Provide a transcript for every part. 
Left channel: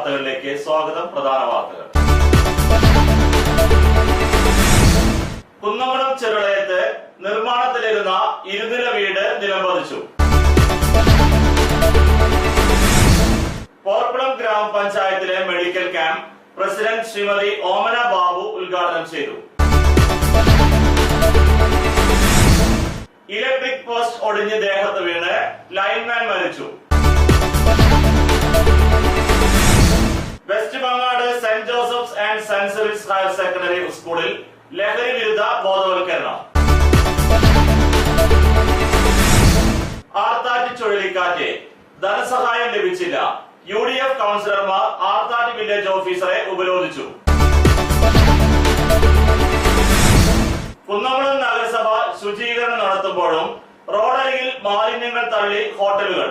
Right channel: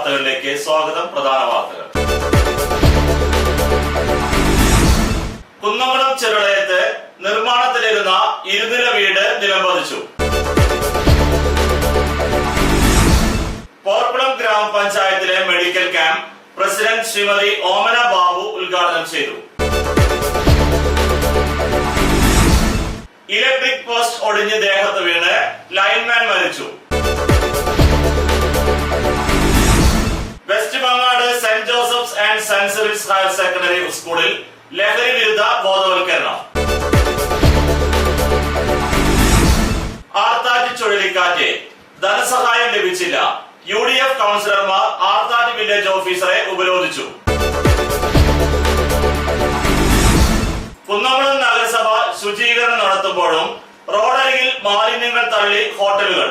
വാർത്തകളിലേക്ക് സ്വാഗതം. പ്രധാന വാർത്തകൾ. കുന്നംകുളം ചെറുളയത്ത് നിർമ്മാണത്തിലിരുന്ന ഇരുനില വീട് നിലംപതിച്ചു. പോർക്കുളം ഗ്രാമപഞ്ചായത്തിലെ medical camp president Shrimati Omana Babu ഉദ്ഘാടനം ചെയ്തു. ഇലക്ട്രിക് പോസ്റ്റ് ഒടിഞ്ഞ് ദേഹത്ത് വീണ് ലൈൻമാൻ മരിച്ചു. West Mangad saint Joseph's and saint Cyril's higher secondary സ്കൂളിൽ ലഹരി വിരുദ്ധ ബോധവൽക്കരണം. ആർത്താറ്റ് ചുഴലിക്കാറ്റ് ധനസഹായം ലഭിച്ചില്ല. UDF കൗൺസിലർമാർ ആർത്താറ്റ് വില്ലേജ് ഓഫീസറെ ഉപരോധിച്ചു. കുന്നംകുളം നഗരസഭ ശുചീകരണം നടത്തുമ്പോഴും റോഡരികിൽ മാലിന്യങ്ങൾ തള്ളി ഹോട്ടലുകൾ.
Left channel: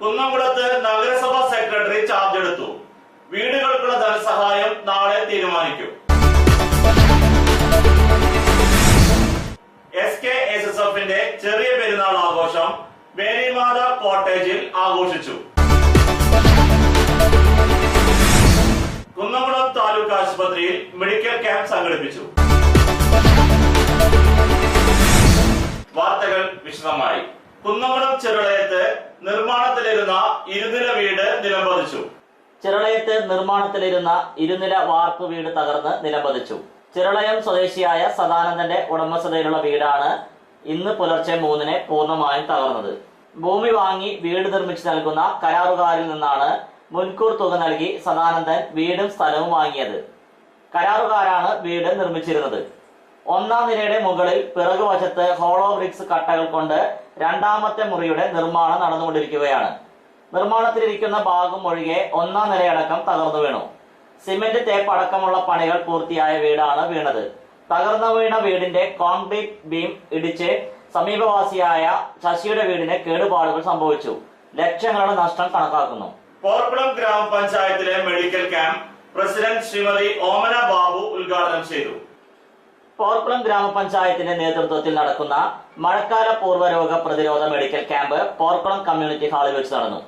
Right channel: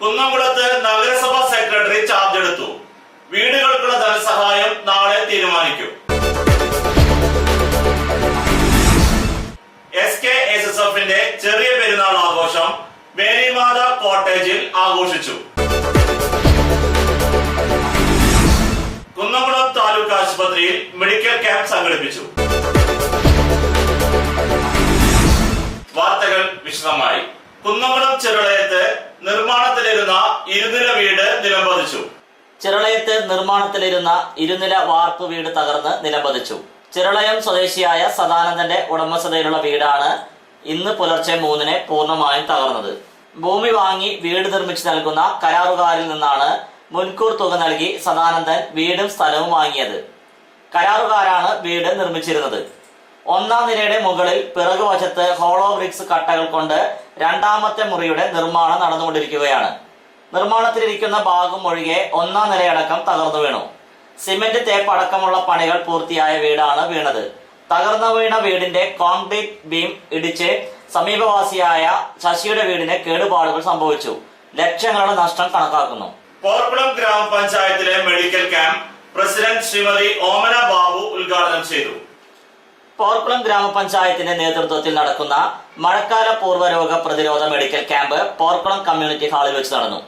കുന്നംകുളത്ത് നഗരസഭാ സെക്രട്ടറി ചാർജ് എടുത്തു. വീടുകൾക്കുള്ള ധനസഹായം നാളെ തീരുമാനിക്കും. SKSSFന്റെ ചെറിയ പെരുന്നാൾ ആഘോഷം മേരിമാത കോട്ടേജിൽ ആഘോഷിച്ചു. കുന്നംകുളം താലൂക്ക് ആശുപത്രിയിൽ മെഡിക്കൽ ക്യാമ്പ് സംഘടിപ്പിച്ചു. വാർത്തകൾ വിശദമായി. കുന്നംകുളം ചെറുളയത്ത് നിർമ്മാണത്തിലിരുന്ന ഇരുനില വീട് നിലംപതിച്ചു. ചിറളയത്ത് നിർമ്മാണത്തിലിരുന്ന ഇരുനില വാർപ്പ് വീട് തകർന്ന് നിലംപതിച്ചു. ചിറളയം സ്വദേശിയായ സദാനന്ദന്റെ ഉടമസ്ഥതയിലുള്ള വീടാണ് ഇന്ന് പുലർച്ചെ 3-ന് പൂർണ്ണമായും തകർന്നത്. ഭൂമി വാങ്ങി വീട് നിർമ്മിച്ചു നൽകുന്ന കരാറുകാരിൽ നിന്നാണ് മുൻകൂർ തുക നൽകി സദാനന്ദൻ വീടും സ്ഥലവും വാങ്ങിയത്. കരാറുകാരാണ് വീട് നിർമ്മിച്ചിരുന്നത്. 1-ാം നിലയുടെ മുകളിൽ പിറകുവശത്ത് ഹോളോ ബ്രിക്സ് കട്ടകൾ കൊണ്ട് 2ാമത്തെ മുറിയുടെ നിർമ്മാണം നടന്നുകൊണ്ടിരിക്കുകയാണ്. നിർമ്മാണത്തിലിരിക്കുന്ന ഭാഗം ഒഴികെ 1-ാം നിലയടക്കം തകർന്നു വീണു. സിമന്റ് തേപ്പ് അടക്കമുള്ള പണികൾ പൂർത്തിയായ വീടാണ് വീണത്. തകർന്നു വീണ വീടിന്റെ കോൺക്രീറ്റ് ബീം ഇടിച്ച് സമീപവാസിയായ ശശിയുടെ വീടിന് കേടുപാടുകൾ സംഭവിച്ചു. ലക്ഷങ്ങളുടെ നഷ്ടം കണക്കാക്കുന്നു. പോർക്കുളം ഗ്രാമപഞ്ചായത്തിലെ medical camp president Shrimati Omana Babu ഉദ്ഘാടനം ചെയ്തു. പോർക്കുളം ഗ്രാമപഞ്ചായത്തിന്റെ നേതൃത്വത്തിൽ നടക്കുന്ന മഴക്കാല പൂർവ്വരോഗ പ്രതിരോധ മെഡിക്കൽ ക്യാമ്പ് പോർക്കുളം കമ്മ്യൂണിറ്റി ഹാളിൽ വെച്ച് നടന്നു.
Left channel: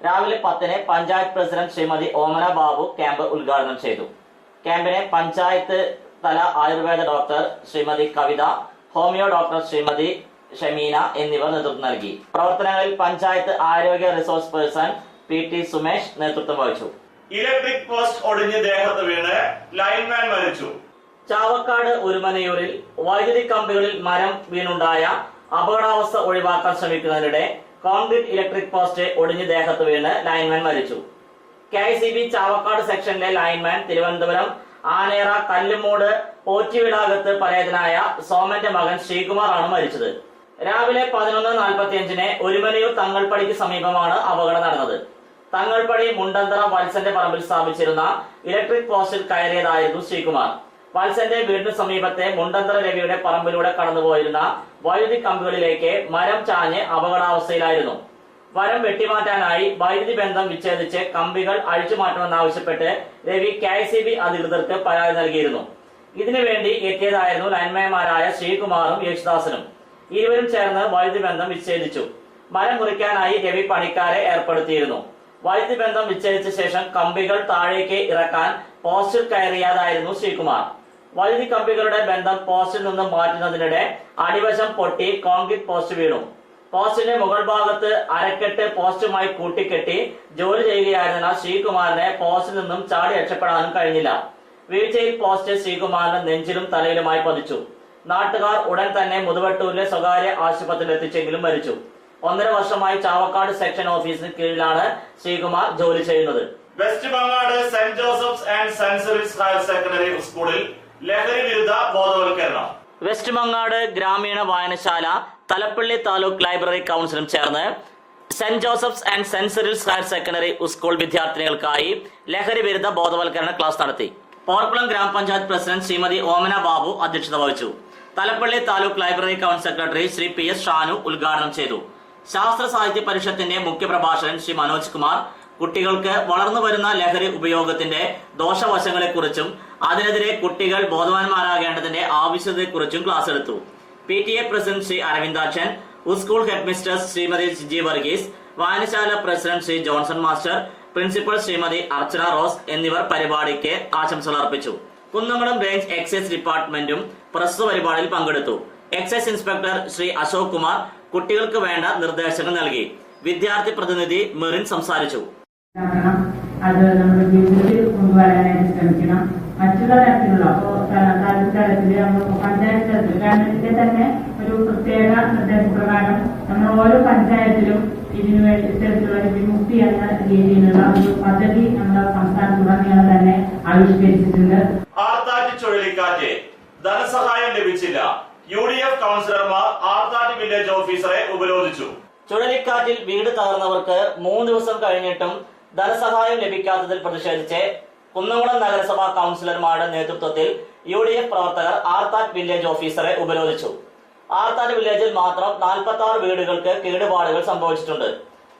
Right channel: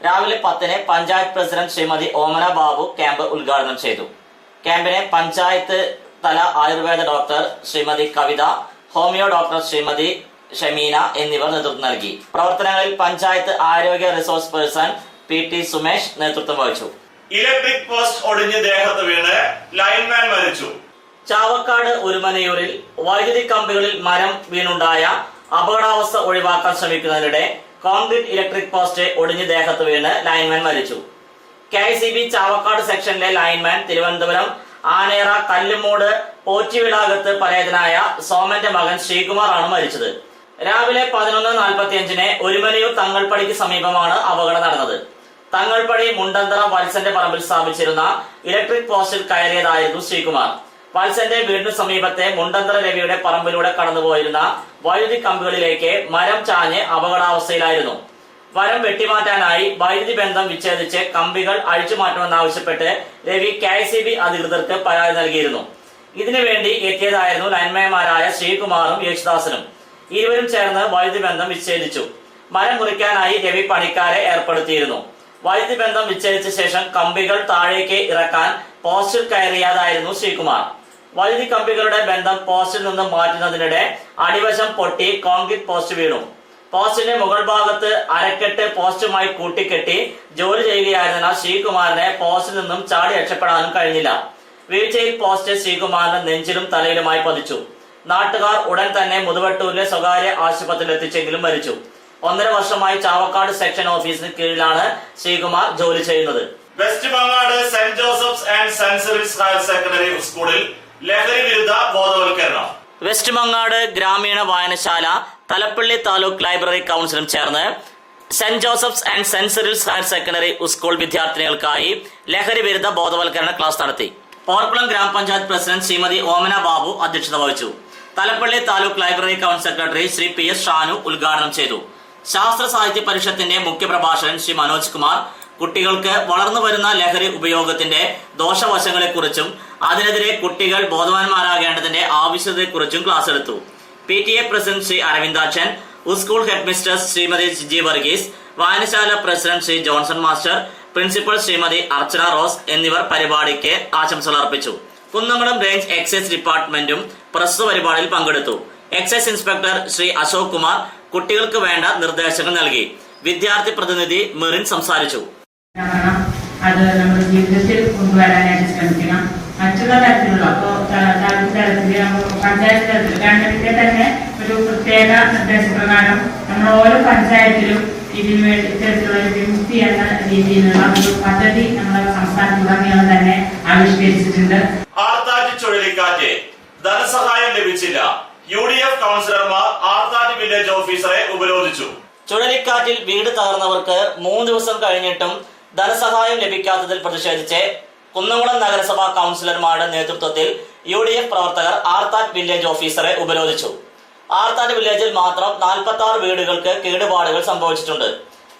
രാവിലെ 10-ന് പഞ്ചായത്ത് പ്രസിഡന്റ് ശ്രീമതി ഓമന ബാബു ക്യാമ്പ് ഉദ്ഘാടനം ചെയ്തു. ക്യാമ്പിനെ പഞ്ചായത്ത് തല ആയുർവേദ ഡോക്ടർ ശ്രീമതി കവിത, ഹോമിയോ ഡോക്ടർ ശ്രീമതി ഷമീന എന്നിവർ നേതൃത്വം നൽകി. പ്രവർത്തനങ്ങളിൽ പഞ്ചായത്ത് ആരോഗ്യ റിസോഴ്സ് പേഴ്സൺ PT സുമേഷ് നേതൃത്വം വഹിച്ചു. ഇലക്ട്രിക് പോസ്റ്റ് ഒടിഞ്ഞ് ദേഹത്ത് വീണ് ലൈൻമാൻ മരിച്ചു. ചാവക്കാട് ഉരുമനയൂരിൽ വൈദ്യുതി കമ്പികളിൽ മരം വീണുണ്ടായ അപകടാവസ്ഥ ഒഴിവാക്കാൻ ശ്രമിക്കുന്നതിനിടെ കോൺക്രീറ്റ് ഇലക്ട്രിക് പോസ്റ്റ് ഒടിഞ്ഞ് ദേഹത്ത് വീണ് ലൈൻമാൻ മരിച്ചു. KICB ചാവക്കാട് സെക്ഷനിലെ ലൈൻമാൻ തിരുവനന്തപുരം ആനേറ കല്ലുമൂട് പോറ്റിവിളാകത്ത് പരേതനായ സോമന്റെ മകൻ ശ്രീകുമാർ ആണ് മരിച്ചത്. രാവിലെ 11:45-ന് ഒരുമനയൂർ തങ്ങൾപ്പടിക്ക് സമീപമാണ് അപകടം നടന്നത്. തങ്ങൾപ്പടി മുണ്ടന്തറ വത്സന്റെ പറമ്പിൽ സ്ഥാപിച്ചിരുന്ന ഇലക്ട്രിക് പോസ്റ്റിൽ കയറിയതായിരുന്നു ശ്രീകുമാർ. വത്സന്റെ വീടിന് സമീപത്തെ മുണ്ടന്തറ രവിയുടെ പറമ്പിലൂടെ കടന്നുപോയിരുന്ന വൈദ്യുതി കമ്പികളിലേക്ക് മരം ചാഞ്ഞ് അപകടാവസ്ഥയിലായിരുന്നു. മരം വെട്ടിമാറ്റാനായി വൈദ്യുതി ബന്ധം വിച്ഛേദിച്ച് കമ്പികൾ അഴിച്ചുമാറ്റണമെന്നാവശ്യപ്പെട്ട് രവി KICB അധികൃതർക്ക് പരാതി നൽകിയിരുന്നു. ഇതിനുവേണ്ടി എത്തിയതായിരുന്നു ലൈൻമാൻമാരായ ശ്രീകുമാറും യേശുദാസനും. ഇരുവരും ചേർന്ന് വൈദ്യുതി ബന്ധം വിച്ഛേദിച്ചു. മരം മുറിക്കാനായി രവി പണിക്കാരെ ഏർപ്പെടുത്തിയിരുന്നു. വൈദ്യുതി ബന്ധം വിച്ഛേദിച്ച ശേഷം കമ്പികൾ താഴേക്ക് ഇറക്കാൻ പോസ്റ്റിൽ കയറിയതായിരുന്നു ശ്രീകുമാർ. വൈദ്യുതി കമ്പികളുടെ ബന്ധം പോസ്റ്റിൽ നിന്ന് മാറ്റുന്നതിനിടെ അടിവശം പൊട്ടി കോൺക്രീറ്റ് പോസ്റ്റ് വീണു. പോസ്റ്റിന്റെ മുകൾ ഭാഗത്ത് അരക്കെട്ട് പോസ്റ്റുമായി കൂട്ടിക്കെട്ടി ജോലി ചെയ്യുകയായിരുന്ന ശ്രീകുമാറിനെ പോസ്റ്റിൽ നിന്നും ചാടി രക്ഷപ്പെടാനും കഴിഞ്ഞില്ല. വീഴ്ചയിൽ പോസ്റ്റ് ശ്രീകുമാറിന്റെ നെഞ്ചിലും തലയിലുമായി പതിച്ചു. നാട്ടുകാർ ഉടൻ തന്നെ മുതുവട്ടൂരിലെ സ്വകാര്യ ആശുപത്രിയിൽ എത്തിച്ചെങ്കിലും മരിച്ചു. 1.5 വർഷമായി ചാവക്കാട് സെക്ഷൻ ഓഫീസിന് കീഴിലാണ് ശ്രീകുമാർ ജോലി ചെയ്യുന്നത്. West Mangad saint Joseph's and saint Cyril's higher secondary സ്കൂളിൽ ലഹരി വിരുദ്ധ ബോധവൽക്കരണം. വെസ്റ്റ് മങ്ങാട് ഗ്രാമീണ വായനശാല തലപ്പള്ളി താലൂക്ക് ലൈബ്രറി കൗൺസിലും ചേർന്ന് saint Joseph's and saint Cyril's higher secondary school വിദ്യാർത്ഥിനികൾക്കായി ലഹരി വിരുദ്ധ ബോധവൽക്കരണ ക്ലാസ് നടത്തി. പോർക്കുളം ഗ്രാമപഞ്ചായത്ത് പ്രസിഡന്റ് ശ്രീമതി ഓമന ബാബു അധ്യക്ഷത വഹിച്ചു. Thalappilly taluk library council secretary Shri PS Shanu ഉദ്ഘാടനം ചെയ്തു. ശാസ്ത്ര സാഹിത്യ പരിഷത്തിന്റെ മുഖ്യപ്രഭാഷകൻ ശ്രീ മനോജ് കുമാർ കുട്ടികൾക്ക് വളർന്നു വരുന്ന ലഹരി ഉപയോഗത്തിന്റെ ദോഷവശങ്ങളെക്കുറിച്ചും അതിനെതിരെ കുട്ടികൾ ബോധവാന്മാരാകേണ്ടതിന്റെ ആവശ്യകതയെക്കുറിച്ചും ക്ലാസ് എടുത്തു. PTA president Shri Aravindakshan, school head mister Shrimati Jiji Varghese, വായനശാല president Shri Johnson master, principal Shrimati Archana Rose എന്നിവർ പരിപാടിക്ക് ആശംസകൾ അർപ്പിച്ചു. കുന്നംകുളം റേഞ്ച് എക്സൈസ് ഡിപ്പാർട്ട്മെന്റും പ്രസ്തുത പരിപാടിയിൽ പങ്കെടുത്തു. എക്സൈസ് ഇൻസ്പെക്ടർ ശ്രീ അശോക് കുമാർ കുട്ടികൾക്ക് വേണ്ട നിർദ്ദേശങ്ങൾ നൽകി. വിദ്യാർത്ഥി പ്രതിനിധി മെറിൻ സംസാരിച്ചു. അത് നമ്മുടെ ജീവിതത്തിൽ കൊണ്ടുവരാനായിട്ട് ശ്രമിക്കണം. മറ്റുള്ള തരത്തിലുള്ള തലത്തിൽ പഞ്ചായത്ത് തലത്തിൽ ഗവൺമെന്റിന്റെ തന്നെ ഒരു പ്രത്യേക നിർദ്ദേശപ്രകാരം നമ്മൾ ഓരോ പഞ്ചായത്തിലും ഇതിനു വേണ്ടി ഇത്തരത്തിലുള്ള വിമുക്തി എന്ന രീതിയിലുള്ള ഒരു പദ്ധതി നമ്മുടെ സംസ്ഥാനത്തുടനീളം തന്നെ ആവിഷ്കരിച്ചിട്ടുണ്ട്. ആർത്താറ്റ് ചുഴലിക്കാറ്റ് ധനസഹായം ലഭിച്ചില്ല. UDF കൗൺസിലർമാർ ആർത്താറ്റ് വില്ലേജ് ഓഫീസറെ ഉപരോധിച്ചു. ചുഴലിക്കാറ്റിൽ വീട് തകർന്നവർക്ക് 3 ദിവസം കഴിഞ്ഞിട്ടും ധനസഹായം ലഭിക്കാത്തതിൽ പ്രതിഷേധിച്ച് കുന്നംകുളം നഗരസഭാ കൗൺസിലർമാരുടെ നേതൃത്വത്തിൽ UDF പ്രവർത്തകർ ആർത്താറ്റ് വില്ലേജ് ഓഫീസറെ ഉപരോധിച്ചു. ആർത്താറ്റ് വില്ലേജിൽ മാത്രം 46 വീടുകൾക്ക് കേടുപാടുകൾ സംഭവിച്ചിട്ടുണ്ട്.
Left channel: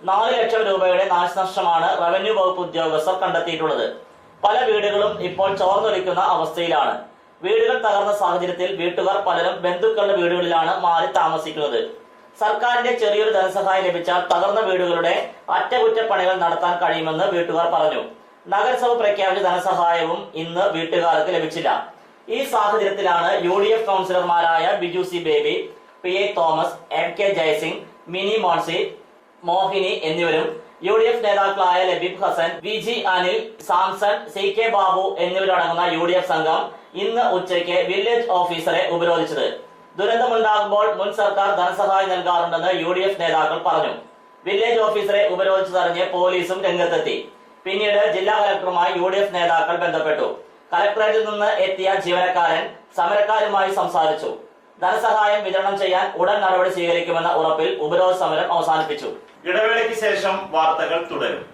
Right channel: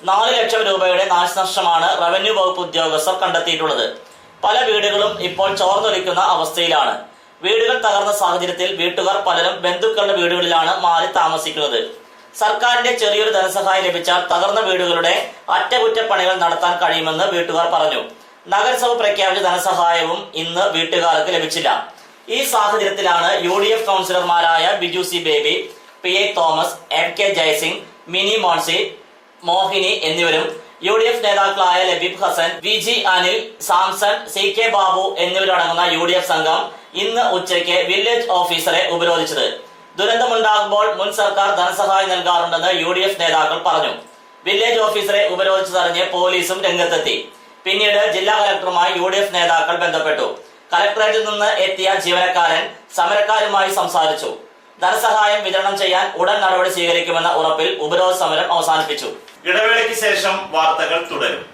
4 ലക്ഷം രൂപയുടെ നാശനഷ്ടമാണ് റവന്യൂ വകുപ്പ് ഉദ്യോഗസ്ഥർ കണ്ടെത്തിയിട്ടുള്ളത്. പല വീടുകളും ഇപ്പോൾ ചോർന്നൊലിക്കുന്ന അവസ്ഥയിലാണ്. വീടുകൾ തകർന്ന സാഹചര്യത്തിൽ വീട്ടുകാർ പലരും ബന്ധുക്കളുടെ വീടുകളിലാണ് മാറി താമസിക്കുന്നത്. സർക്കാരിന്റെ ചെറിയൊരു ധനസഹായം ലഭിച്ചാൽ തകർന്ന വീടുകളുടെ അറ്റകുറ്റപ്പണികൾ നടത്താൻ കഴിയുമെന്ന് വീട്ടുകാർ പറഞ്ഞു. നഗരസഭ പ്രഖ്യാപിച്ച ധനസഹായവും ഇന്ന് വീട്ടുകാർക്ക് ലഭിച്ചില്ല. ഈ സാഹചര്യത്തിലാണ് UDF കൗൺസിലർമാരായ Biju C Baby, PA Thomas, MK Jayasingh, Mini Moncy, Mohini എന്നിവരും UDF നേതാക്കളായ ലബീബ് ഹസൻ, VG അനിൽ, സാംസൺ, CK ബാബു എന്നിവരടങ്ങുന്ന UDF സംഘം ഇന്ന് ഉച്ചയ്ക്ക് വില്ലേജ് ഓഫീസറെ ഉപരോധിച്ചത്. ദുരന്തമുണ്ടാകുമ്പോൾ മുൻ സർക്കാർ ധനസഹായം നൽകാറുണ്ടെന്ന് UDF നേതാക്കൾ പറഞ്ഞു. വില്ലേജ് ഓഫീസറെ ഉപരോധിച്ചതറിഞ്ഞ് പോലീസും രംഗത്തെത്തി. പിന്നീട് ജില്ലാ കലക്ടറുമായി UDF നേതാക്കൾ ബന്ധപ്പെട്ടു. കലക്ടറേറ്റിൽ നിന്ന് എത്തിയ ജീവനക്കാരൻ സമരക്കാരുമായി സംസാരിച്ചു. ധനസഹായം വിതരണം ചെയ്യാൻ ഉടൻ നടപടി സ്വീകരിക്കുമെന്ന ഉറപ്പിൽ ഉപരോധ സമരം അവസാനിപ്പിച്ചു. ഇടവേളയ്ക്ക് ശേഷം വാർത്തകൾ തുടരും.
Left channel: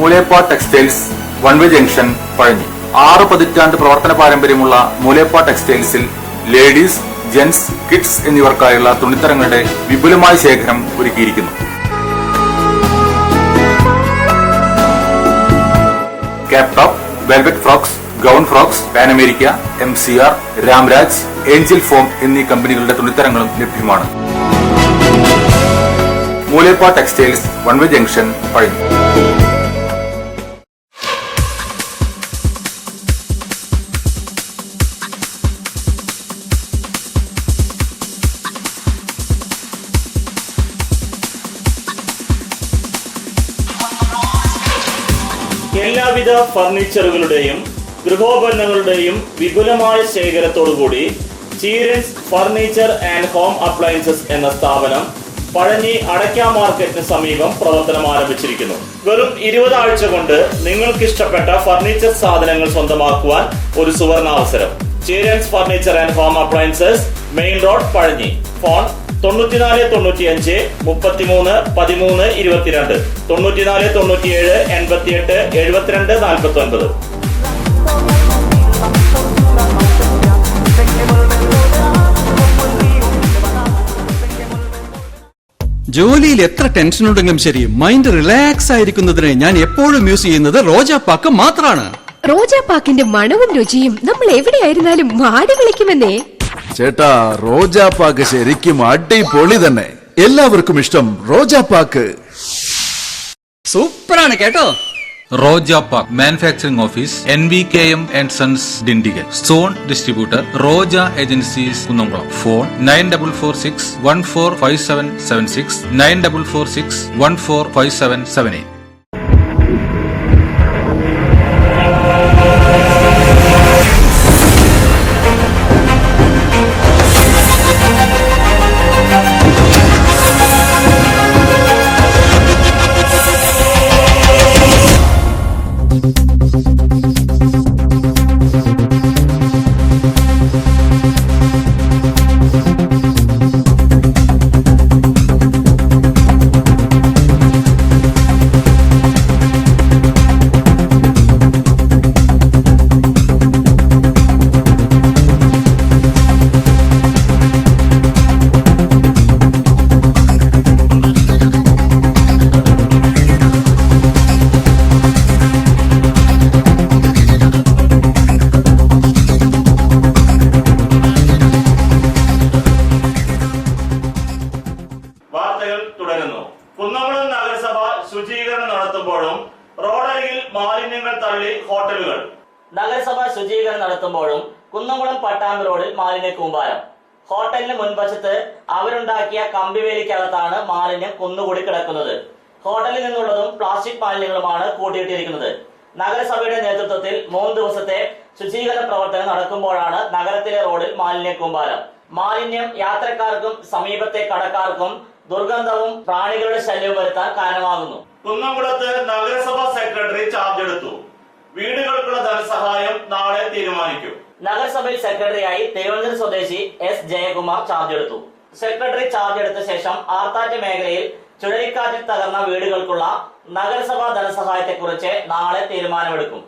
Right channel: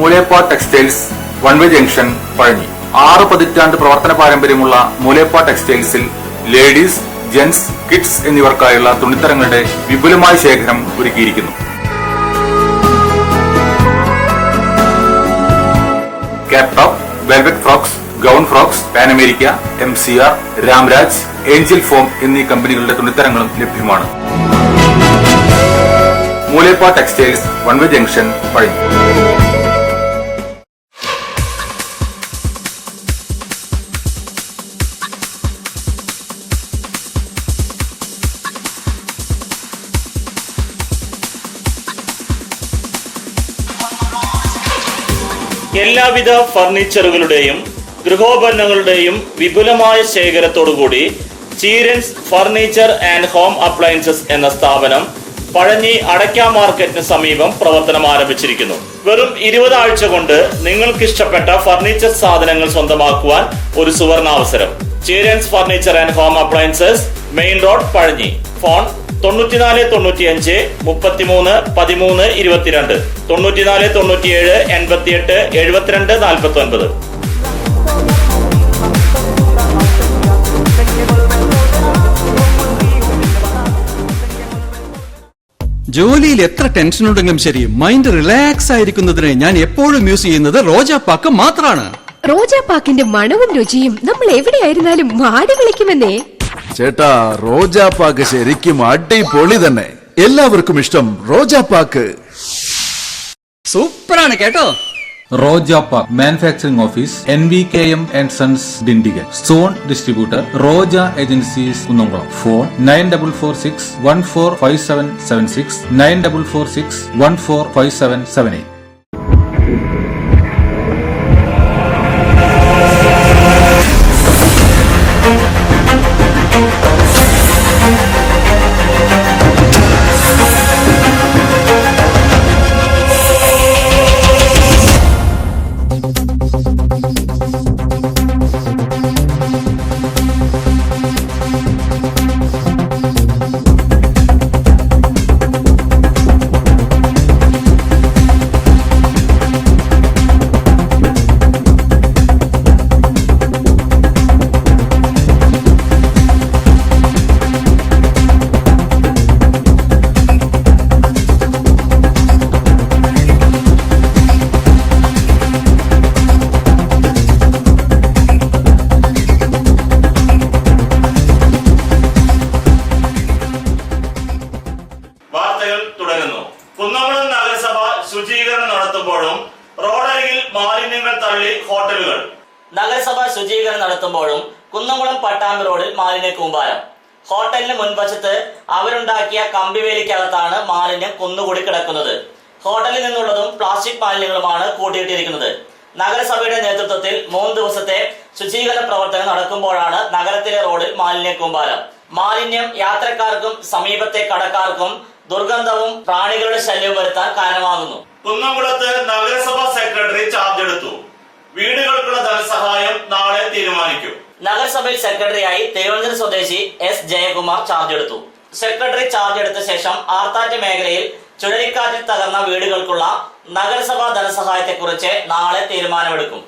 Moolepa textiles one way junction Pazhanji. 6 പതിറ്റാണ്ട് പ്രവർത്തന പാരമ്പര്യമുള്ള മൂലേപ്പ ടെക്സ്റ്റൈൽസിൽ ലേഡീസ്, ജെന്റ്സ്, കിഡ്സ് എന്നിവർക്കായുള്ള തുണിത്തരങ്ങളുടെ വിപുലമായ ശേഖരം ഒരുക്കിയിരിക്കുന്നു. Cap top, velvet frocks, gown frocks, Panamerica, MCR, Ramraj, Angel Foam എന്നീ കമ്പനികളുടെ തുണിത്തരങ്ങളും ലഭ്യമാണ്. Moolepa textiles one way junction Pazhanji. എല്ലാവിധ ഫർണിച്ചറുകളുടെയും ഗൃഹോപകരണങ്ങളുടെയും വിപുലമായ ശേഖരത്തോടുകൂടി Cheerans furniture and home appliances എന്ന സ്ഥാപനം പഴഞ്ഞി അടയ്ക്ക മാർക്കറ്റിന് സമീപം പ്രവർത്തനം ആരംഭിച്ചിരിക്കുന്നു. വെറും 20 ആഴ്ച കൊണ്ട് നിങ്ങൾക്കിഷ്ടപ്പെട്ട ഫർണിച്ചർ സാധനങ്ങൾ സ്വന്തമാക്കുവാൻ ഒരു സുവർണാവസരം. Cheerans furniture and home appliances, main road, Pazhanji. Phone 94 95 33 13 22, 94 97 88 72 49. ജോലിയിൽ എത്ര ടെൻഷൻ ഉണ്ടെങ്കിലും ശരി, മൈൻഡ് റിലാക്സ് ആയിരിക്കുന്നതിന് ഞാൻ എപ്പോഴും യൂസ് ചെയ്യുന്നത് റോജാപ്പാക്ക് മാത്രമാണ്. റോജാപ്പാക്കിന്റെ മണവും രുചിയും നമ്മൾ എവിടെയായിരുന്നാലും മാടി വിളിക്കുമെന്നേ. ചേട്ടാ, റോജാപ്പാക്ക് ശരിക്കും അടിപൊളി തന്നെ. എല്ലാവർക്കും ഇഷ്ടം റോജാപ്പാക്ക്. സൂപ്പറാണ് കേട്ടോ. Roja Manufacturing Office, NVKM and Sons Dindigal. Stone Distributor, Roja Agencies Kunnamkulam. Phone 9446 145776 9446 145778. Kunnamkulam നഗരസഭ ശുചീകരണം നടത്തുമ്പോഴും റോഡരികിൽ മാലിന്യങ്ങൾ തള്ളി ഹോട്ടലുകൾ. നഗരസഭ ശുചീകരണം നടത്തുമ്പോഴും കുന്നംകുളം പട്ടാമ്പി റോഡിൽ മാലിന്യ കൂമ്പാരം. ഹോട്ടലിന് മുൻവശത്ത് അവരുണ്ടാക്കിയ കമ്പിവേലിക്കകത്താണ് മാലിന്യം കുന്നുകൂടി കിടക്കുന്നത്. ഹോട്ടലിൽ നിന്നുള്ളതും പ്ലാസ്റ്റിക് മാലിന്യങ്ങളുമാണ് കൂട്ടിയിട്ടിരിക്കുന്നത്. നഗരസഭയുടെ നേതൃത്വത്തിൽ 3 ദിവസത്തെ ശുചീകരണ പ്രവർത്തനം നടക്കുമ്പോഴാണ് നഗരത്തിലെ റോഡിൽ മാലിന്യ കൂമ്പാരം. മാലിന്യം യാത്രക്കാർക്കും സമീപത്തെ കടക്കാർക്കും ദുർഗന്ധവും പ്രാണികളുടെ ശല്യവും വരുത്താൻ കാരണമാകുന്നു. കുന്നംകുളത്ത് നഗരസഭാ സെക്രട്ടറി ചാർജ് എടുത്തു. വീടുകൾക്കുള്ള ധനസഹായം നാളെ തീരുമാനിക്കും. നഗരസഭയിൽ സെക്രട്ടറിയായി തിരുവനന്തപുരം സ്വദേശി എസ് ജയകുമാർ ചാർജ് എടുത്തു. സെക്രട്ടറി ചാർജ് എടുത്ത ശേഷം ആർത്താറ്റ് മേഖലയിൽ ചുഴലിക്കാറ്റിൽ തകർന്ന വീടുകൾക്കുള്ള നഗരസഭാ ധനസഹായത്തെക്കുറിച്ച് നാളെ തീരുമാനമെടുക്കും.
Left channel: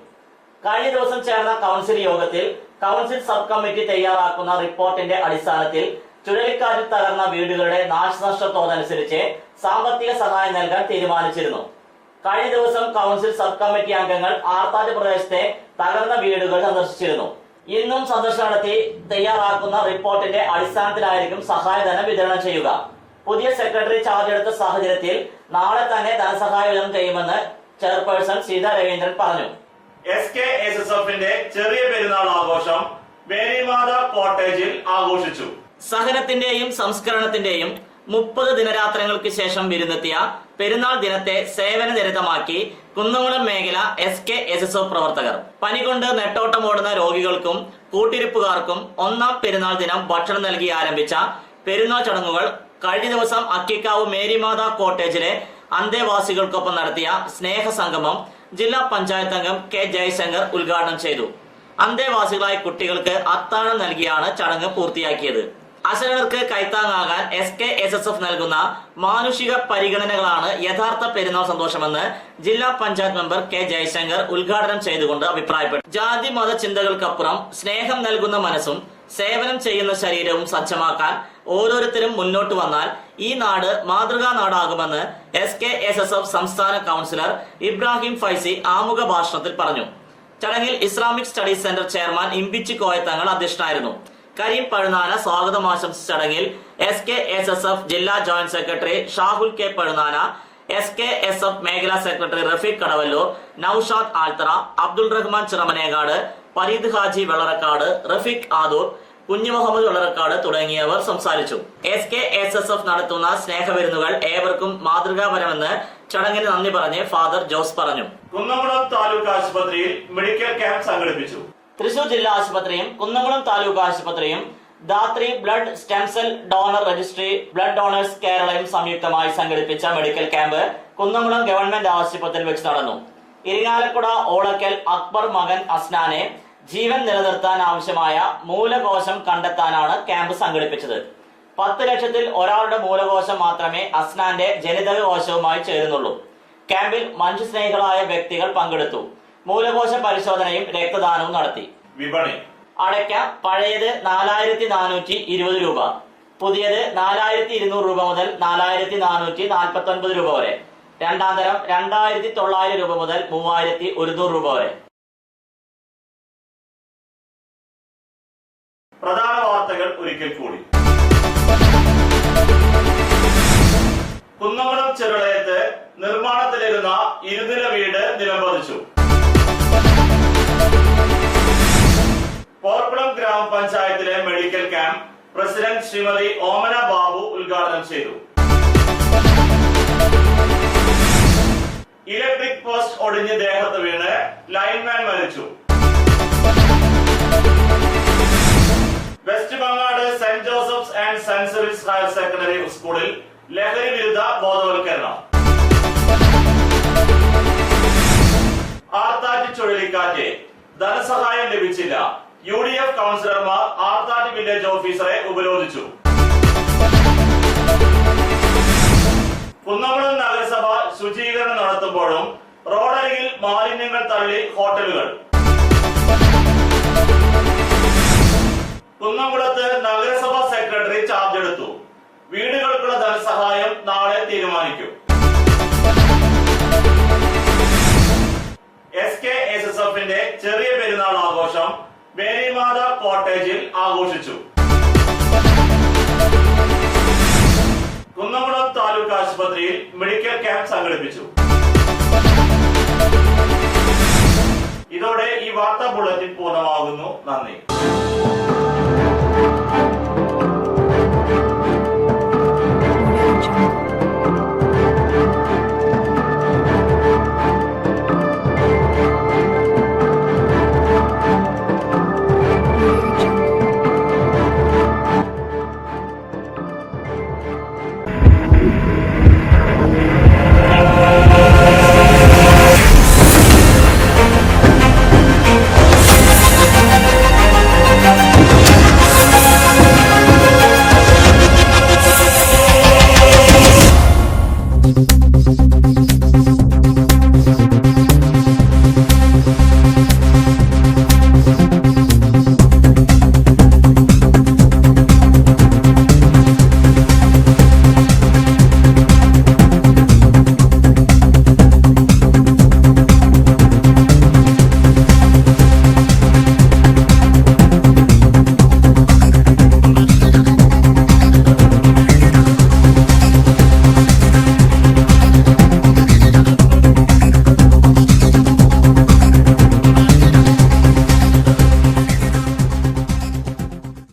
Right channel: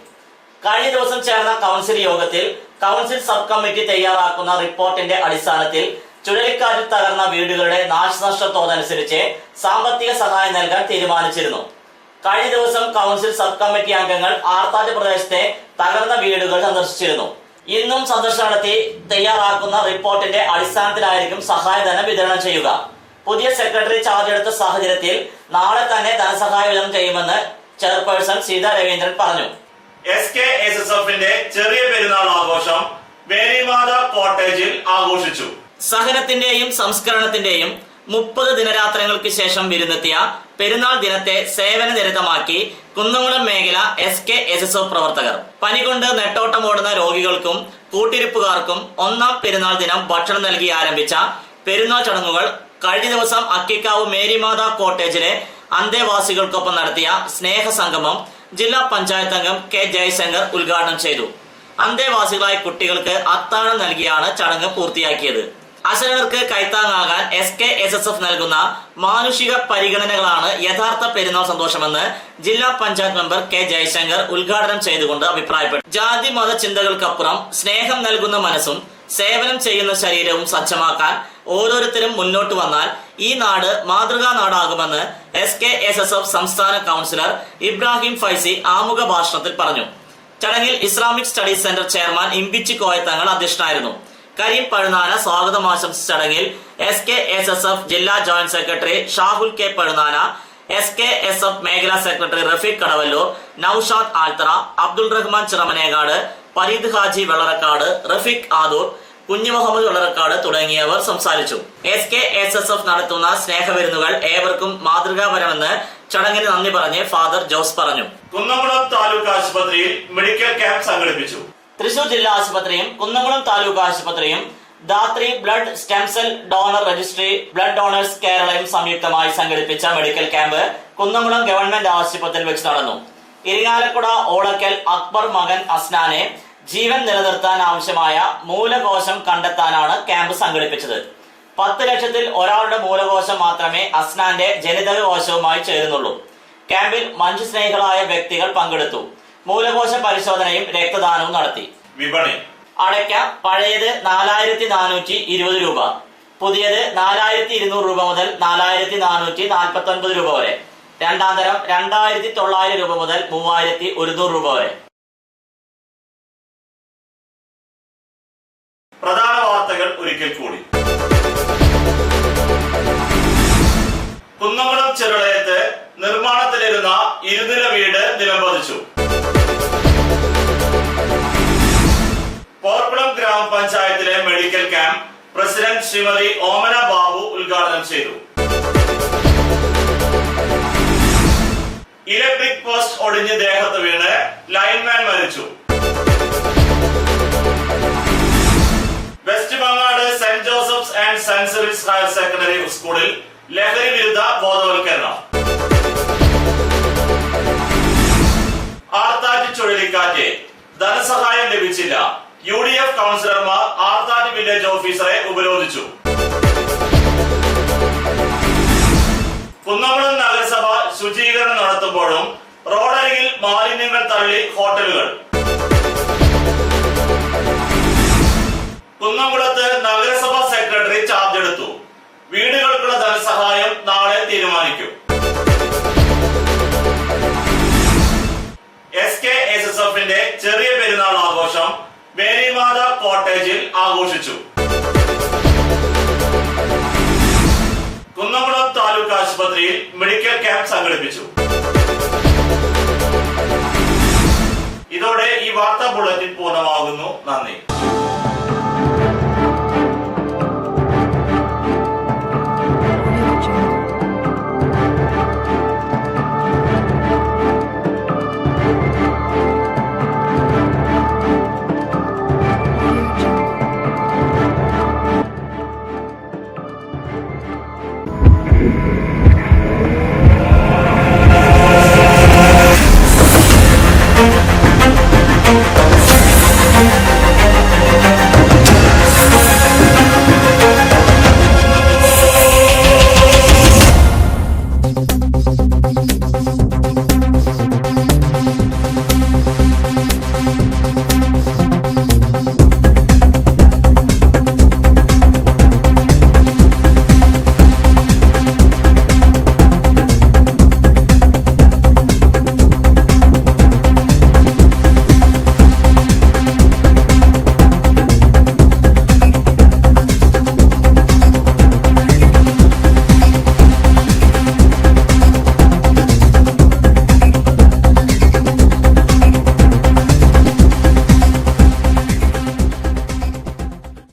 കഴിഞ്ഞ ദിവസം ചേർന്ന കൗൺസിൽ യോഗത്തിൽ കൗൺസിൽ സബ് കമ്മിറ്റി തയ്യാറാക്കുന്ന റിപ്പോർട്ടിന്റെ അടിസ്ഥാനത്തിൽ ചുഴലിക്കാറ്റിൽ തകർന്ന വീടുകളുടെ നാശനഷ്ടത്തോതനുസരിച്ച് സാമ്പത്തിക സഹായം നൽകാൻ തീരുമാനിച്ചിരുന്നു. കഴിഞ്ഞ ദിവസം കൗൺസിൽ സബ് കമ്മിറ്റി അംഗങ്ങൾ ആർത്താറ്റ് പ്രദേശത്തെ തകർന്ന വീടുകൾ സന്ദർശിച്ചിരുന്നു. ഇന്നും സന്ദർശനം നടത്തി തയ്യാറാക്കുന്ന റിപ്പോർട്ടിന്റെ അടിസ്ഥാനത്തിലായിരിക്കും സഹായധനം വിതരണം ചെയ്യുക. പുതിയ സെക്രട്ടറി ചാർജ് എടുത്ത സാഹചര്യത്തിൽ നാളെ തന്നെ ധനസഹായ വിതരണം ചെയ്യുമെന്ന് ചെയർപേഴ്സൺ സീതാ രവീന്ദ്രൻ പറഞ്ഞു. SKSSFന്റെ ചെറിയ പെരുന്നാൾ ആഘോഷം മേരിമാത കോട്ടേജിൽ ആഘോഷിച്ചു. സഹനത്തിന്റെയും സംസ്കരണത്തിന്റെയും 30 ദിനരാത്രങ്ങൾക്ക് ശേഷം വിരുന്നെത്തിയ പെരുന്നാൾ ദിനത്തെ സേവന നിരതമാക്കി കുന്നംകുളം മേഖല SKSSF പ്രവർത്തകർ. പനി കൊണ്ട് നെട്ടോട്ടമോടുന്ന രോഗികൾക്കും കൂട്ടിരിപ്പുകാർക്കും 1ാം പെരുന്നാൾ ദിനം ഭക്ഷണം നൽകി ആരംഭിച്ച പെരുന്നാൾ ചടങ്ങുകൾ കഴിഞ്ഞ ദിവസം അക്കിക്കാവ് മേരിമാത കോട്ടേജിലെ അന്തേവാസികൾക്കൊപ്പം നടത്തിയ സ്നേഹസംഗമം ജില്ലാ പഞ്ചായത്ത് അംഗം കെ ജയശങ്കർ ഉദ്ഘാടനം ചെയ്തു. അന്തേവാസികളായ കുട്ടികൾക്ക് അത്താഴം നൽകിയാണ് ചടങ്ങ് പൂർത്തിയാക്കിയത്. അശരണർക്ക് കൈത്താങ്ങാകാൻ SKSSF നൽകുന്ന മാനുഷിക പരിഗണനകളാണ് യഥാർത്ഥ പെരുന്നാൾ സന്തോഷമെന്ന് ജില്ലാ പഞ്ചായത്ത് മെമ്പർ കെ ജയശങ്കർ ഉദ്ഘാടനം ചെയ്തുകൊണ്ട് അഭിപ്രായപ്പെട്ടു. ജാതി മത ചിന്തകൾക്കപ്പുറം സ്നേഹം നൽകുന്ന മനസ്സും സേവനം ചെയ്യുന്ന ശരീരവും സജ്ജമാക്കാൻ ഓരോരുത്തരും മുന്നോട്ട് വന്നാൽ ഈ നാട് മാതൃകാ നാടാകുമെന്ന് SKSSF സംസ്ഥാന കൗൺസിലർ ഇബ്രാഹിം ഫൈസി ആമുഖ ഭാഷണത്തിൽ പറഞ്ഞു. ചടങ്ങിൽ Islamic studies centre chairman Imbichi Koyathangal അധ്യക്ഷനായിരുന്നു. കരീം പഴുനാന സ്വാഗതം ആശംസിച്ച ചടങ്ങിൽ SKSSF ജില്ലാ joint secretary Shahul K Pazhunana, SKSF മേഖലാ സെക്രട്ടറി റഫീഖ് കടവല്ലൂർ, നൌഷാദ് ആൽത്തറ, അബ്ദുൾ റഹ്മാൻ ചിറമനേകാട്, പരീദ് ഹാജി വെള്ളറക്കാട്, റഫീഖ് ആദൂർ, കുഞ്ഞു മുഹമ്മദ് വെള്ളറക്കാട് തുടങ്ങിയവർ സംസാരിച്ചു. SKSSF നടത്തുന്ന സ്നേഹവിരുന്നുകൾ ഏവർക്കും മാതൃകാപരമെന്ന് ചടങ്ങിന് നന്ദി പറഞ്ഞ് ഫാദർ ജോസ് പറഞ്ഞു. കുന്നംകുളം താലൂക്ക് ആശുപത്രിയിൽ മെഡിക്കൽ ക്യാമ്പ് സംഘടിപ്പിച്ചു. തൃശൂർ ജില്ലാ ആശുപത്രിയും കുന്നംകുളം താലൂക്ക് ആശുപത്രിയും Dhathri blood stem cell donor registry, blood donors കേരളയും സംയുക്തമായി സംഘടിപ്പിച്ച മെഡിക്കൽ ക്യാമ്പ് കുന്നംകുളം ഗവൺമെന്റ് ആശുപത്രിയിൽ വെച്ച് നടന്നു. ഇരിങ്ങാലക്കുട ഓളക്കൽ അക്ബർ മകൻ അസ്നാനെ ജീവൻ നിലനിർത്താൻ ആവശ്യമായ മൂലകോശം കണ്ടെത്താനാണ് ക്യാമ്പ് സംഘടിപ്പിച്ചത്. 10 ലക്ഷത്തിൽ ഒരാളുടെ മൂലകോശം മാത്രമേ അസ്നാന്റെ ജനിതക കോശവുമായി ചേരുന്നുള്ളൂ. ക്യാമ്പിൽ മനുഷ്യസ്നേഹികളായ വ്യക്തികൾ പങ്കെടുത്തു. മൂലകോശ പരിശോധനയും രക്തദാനവും നടത്തി. വിപണി അടയ്ക്ക പഴയത് 4420 രൂപ, പുതിയത് 4200 രൂപ മുതൽ 4449 രൂപ വരെ. രണ്ടാം തരം 2900 രൂപ മുതൽ 3100 രൂപ വരെ. പ്രധാന വാർത്തകൾ ഒരിക്കൽ കൂടി. കുന്നംകുളം ചെറുളയത്ത് നിർമ്മാണത്തിലിരുന്ന 2 നില വീട് നിലംപതിച്ചു. പോർക്കുളം ഗ്രാമപഞ്ചായത്തിലെ medical camp president Shrimati Omana Babu ഉദ്ഘാടനം ചെയ്തു. ഇലക്ട്രിക് പോസ്റ്റ് ഒടിഞ്ഞ് ദേഹത്ത് വീണ് ലൈൻമാൻ മരിച്ചു. West Bangad saint Joseph's and saint Cyril's higher secondary സ്കൂളിൽ ലഹരി വിരുദ്ധ ബോധവൽക്കരണം. ആർത്താറ്റ് ചുഴലിക്കാറ്റ് ധനസഹായം ലഭിച്ചില്ല. UDF കൗൺസിലർമാർ ആർത്താറ്റ് വില്ലേജ് ഓഫീസറെ ഉപരോധിച്ചു. കുന്നംകുളം നഗരസഭ ശുചീകരണം നടത്തുമ്പോഴും റോഡരികിൽ മാലിന്യങ്ങൾ തള്ളി ഹോട്ടലുകൾ. കുന്നംകുളത്ത് നഗരസഭാ സെക്രട്ടറി ചാർജ് എടുത്തു. വീടുകൾക്കുള്ള ധനസഹായം നാളെ തീരുമാനിക്കും. SKSSFന്റെ ചെറിയ പെരുന്നാൾ ആഘോഷം മേരിമാത കോട്ടേജിൽ ആഘോഷിച്ചു. കുന്നംകുളം താലൂക്ക് ആശുപത്രിയിൽ മെഡിക്കൽ ക്യാമ്പ് സംഘടിപ്പിച്ചു. ഇതോടെ ഈ വാർത്താ ബുള്ളറ്റിൻ പൂർണ്ണമാകുന്നു. നന്ദി.